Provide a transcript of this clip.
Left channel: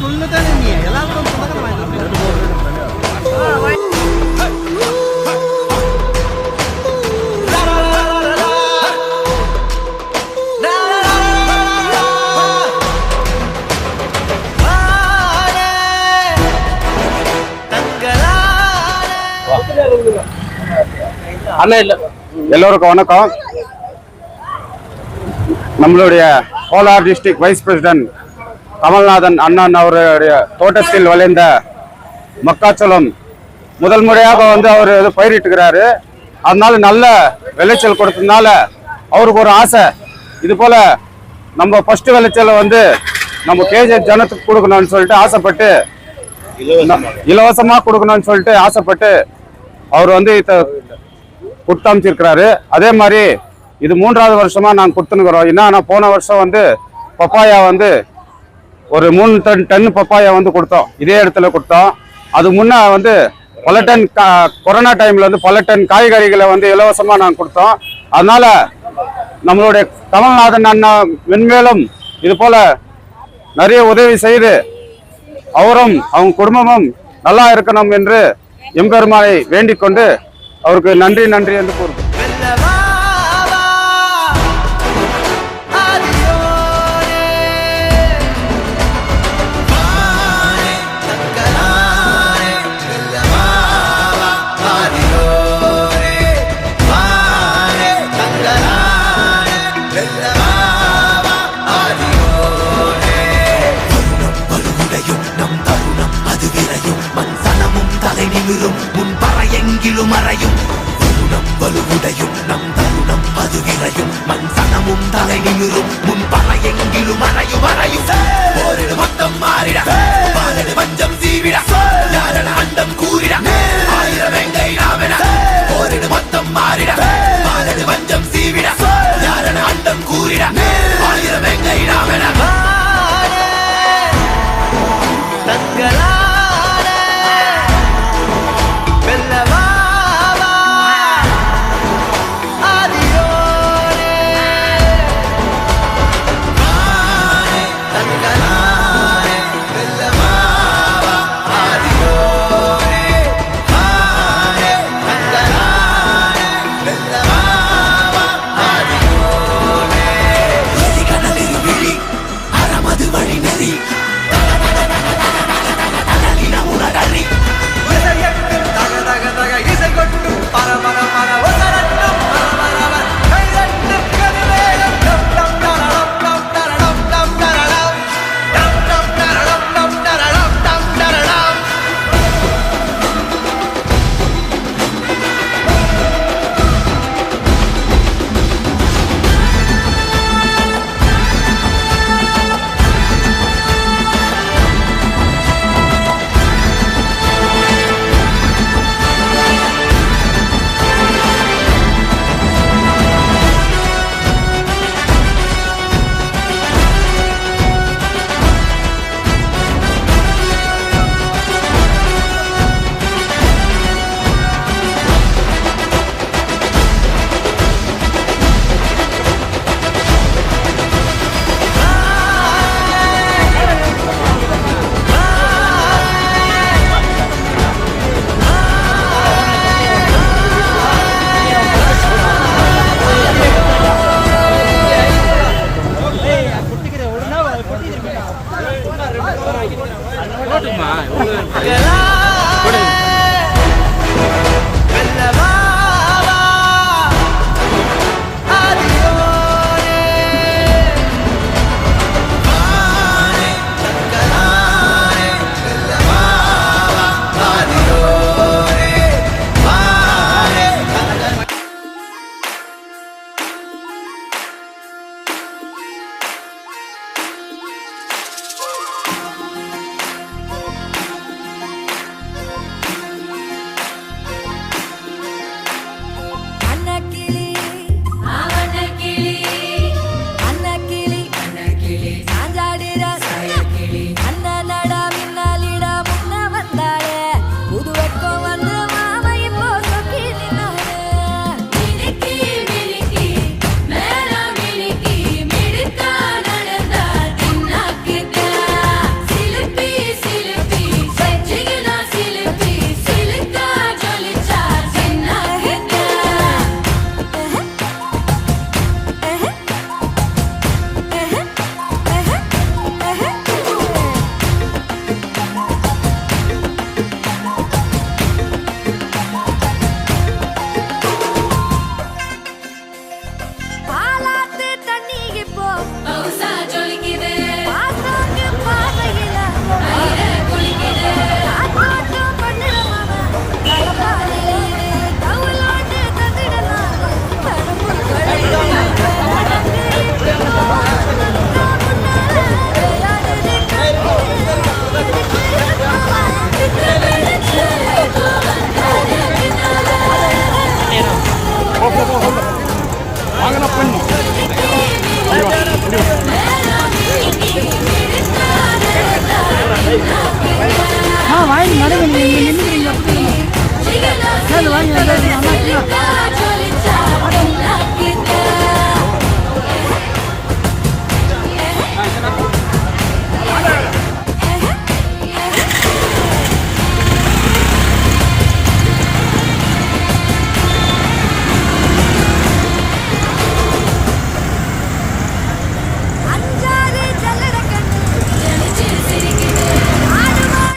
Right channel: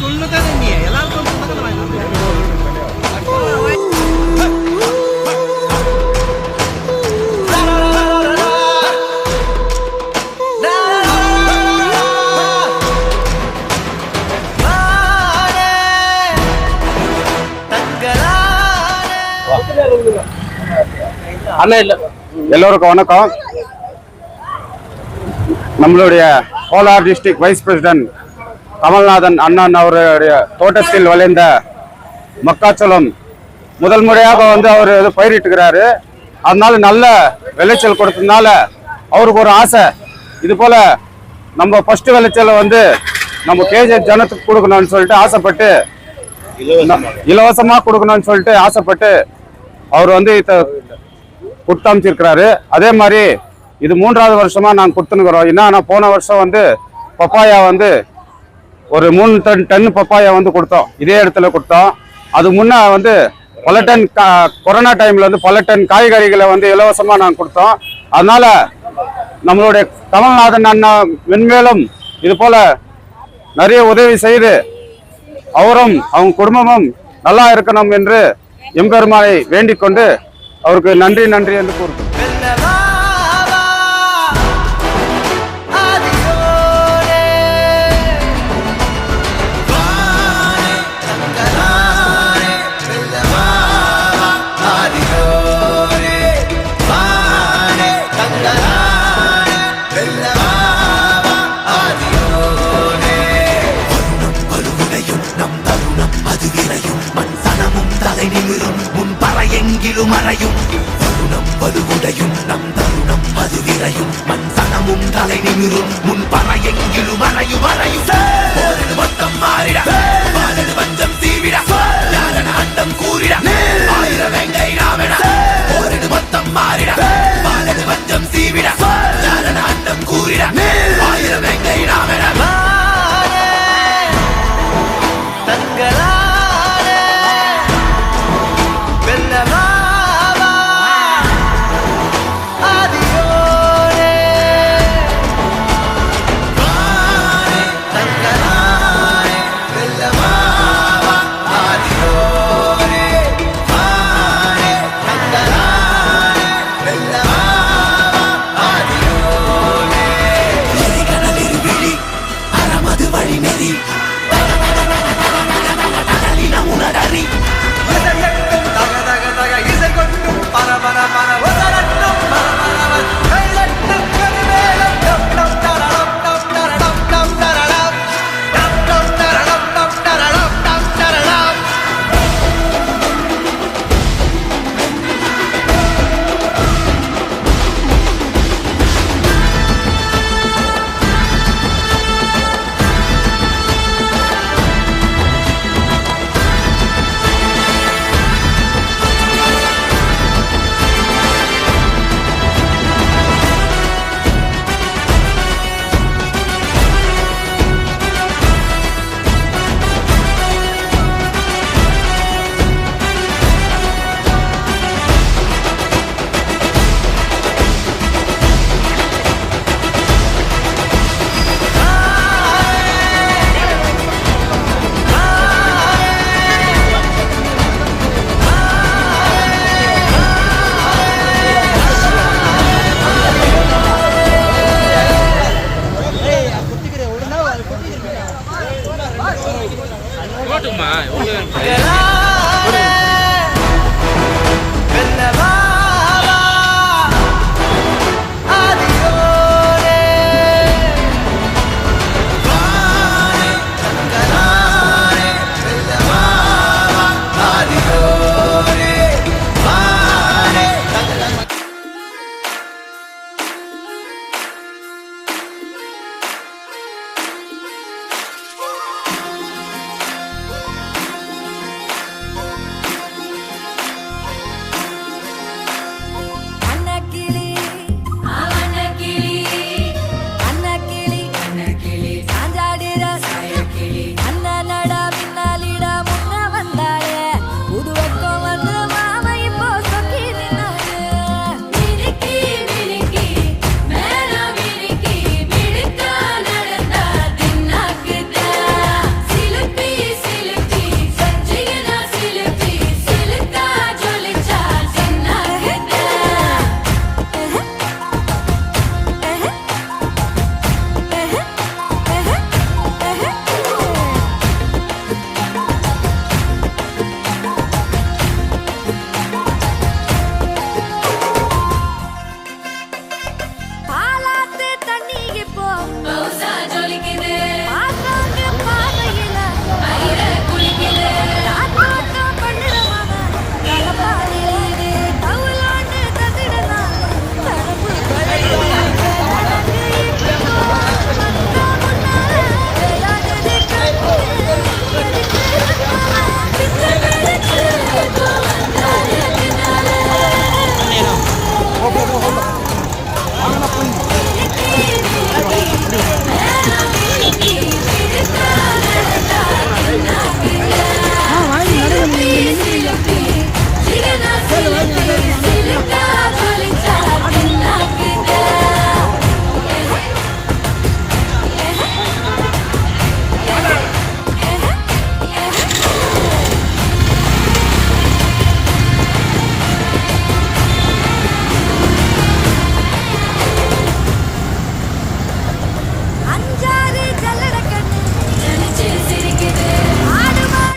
சொல்லுதான் நீ எல்லாருக்கும் எல்லோருக்கும் வணக்கம். நம்மளுடைய Kolar district vice president Kamalnathan அண்ணன் அவருடைய தோட்டத்தில் விளைந்த மக்காச்சோளம் முதல் முறையாக அவர் பயிரிட்டுக்கிறாரு. அதனால நல்ல விளைச்சல் கொடுத்ததுனால அவருக்கு ஒரு ஆசை, இது போல நம்ம ஃபர்ஸ்ட் விளைச்சலை நம்ம கேஜி ஜனத்துக்கு கொடுக்கணும்னு சொல்லிட்டு ஆசைப்பட்டு, இலவசமாக கொடுக்கணும்னு சொல்லிட்டு ஆசைப்பட்டு அவர் கொடுத்தமைச்சிருக்கிறாரு. அதே மாதிரி இது 3வது வருஷமா நாங்கள் கொடுத்துனுக்குறோம். என்னன்னா போன வருஷம் பப்பாயா ஒரு 3 டன் பப்பாயா கொடுத்தோம், இதே இடத்துல கொடுத்தோம். அது முன்ன பல டன் கொரோனா டைம்ல பல டன் காய்கறிகளை இலவசமா நாங்கள் கொடுத்தோம். அதனால நம்மளுடைய கமல்நாதன் அண்ணா மென்மேலும் இது போல நிறைய உதவி செய்து அவரும் அவங்க குடும்பமும் நல்லா இருக்கணும் என்று எம்பெருமானை வேண்டிக் கொண்டு அவருக்கு நன்றி நன்றி என்று கூறுகிறேன். முன் பறையெங்கிலும் அறையும் வருணம் வலுவுடையும் நம் தருணம் அது விரையும் மண் சனமும் தலை நிமிரும் முன் பறையெங்கிலும் அறையும் அறையும் போரிடு மொத்தம் மாறிட பாலடு வஞ்சம் சீவிட யாரன அண்டம் கூறிட ஆயிரம் வெங்கை நாமென போரிடு மொத்தம் மாறிட பாலடு வஞ்சம் சீவிட யாரன அண்டம் கூறிட ஆயிரம் வெங்கை நாமென தங்களா இசை கொட்டும் பர பர பர ஒசரட்டும் பர பரவ கைதட்டும் கருமேகம் டம் டம் தரடம் டம் தரடம் டம் தரடம் டம் டம் தரடம் டம் தரடம் டம் தரடம் Gala